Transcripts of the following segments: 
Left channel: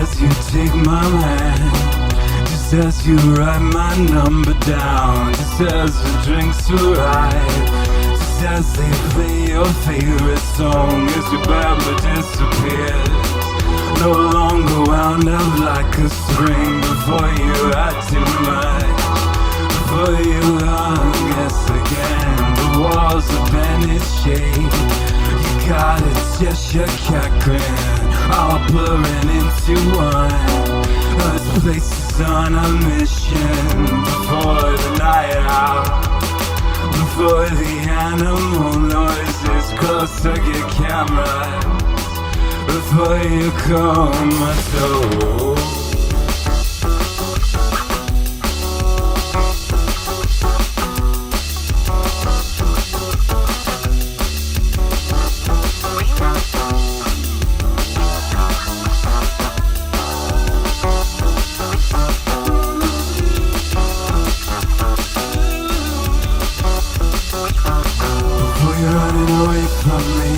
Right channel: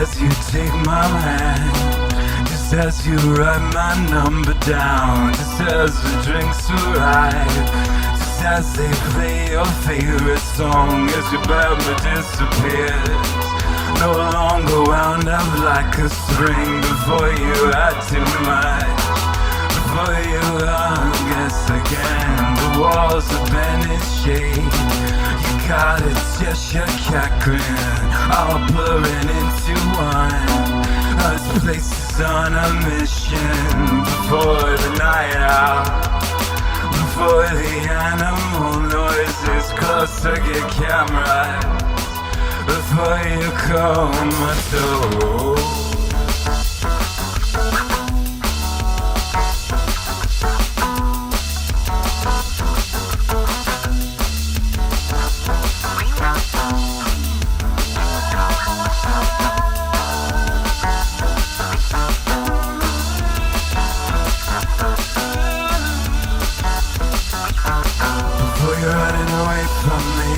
As you take my hand, just as you write my number down, just as the drinks arrive, just as they play your favorite song, as your memory disappears, no longer wound up like a spring. Before you had too much, before you guess again, the walls have been in shape. You got a gesture, cat grin, all blurring into one. This place is on a mission. Before the night out, before the animal noises closer get cameras, before you comatose. Before you're running away from me,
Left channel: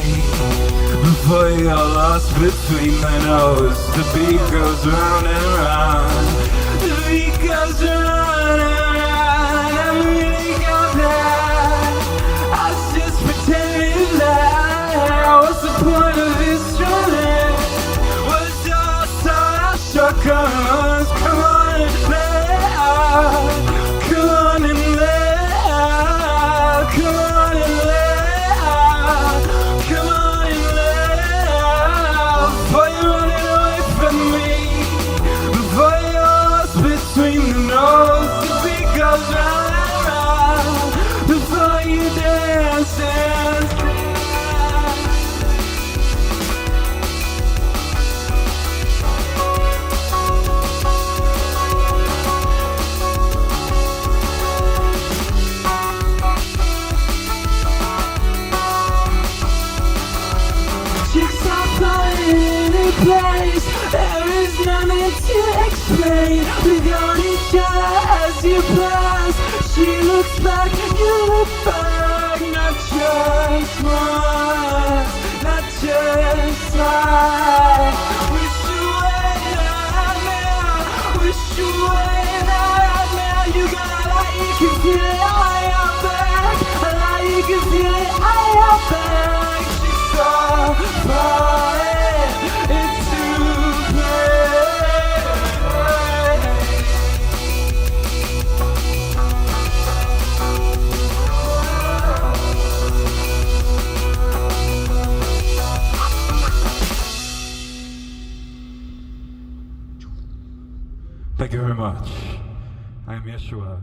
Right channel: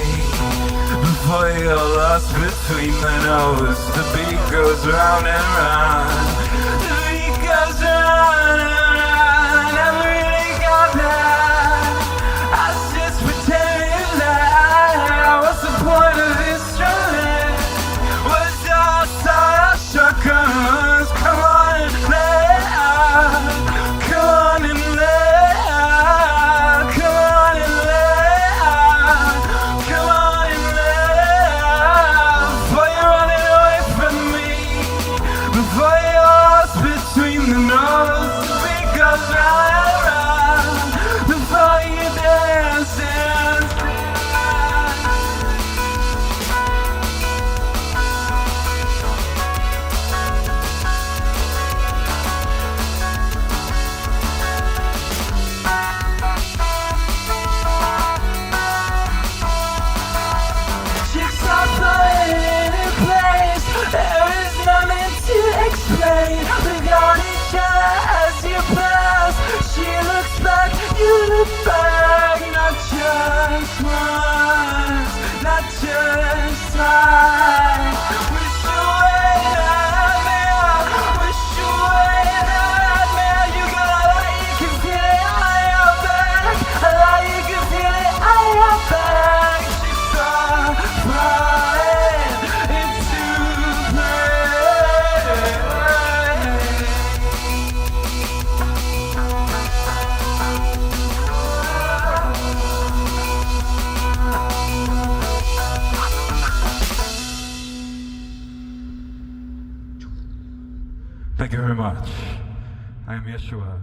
before you're lost between the nose, the beat goes round and round, the beat goes round and round. I really got that, I was just pretending that. What's the point of this instrument? Was outside our shotguns? Come on and let out, come on and let out, come on and let out, come on and let out. Before you're running away from me, before you're lost between the nose, the beat goes round and round, before you dance, dance, dance. Jigsaw falling into place, there is nothing to explain. We got each other as you pass. She looks back, you look back. Not just once, not just twice. Wish away nightmare, wish away nightmare. You got a lot, you can feel it on your back, a lot you can feel it on your back. Jigsaw falling into place. Thank you very much. I am Yeshua.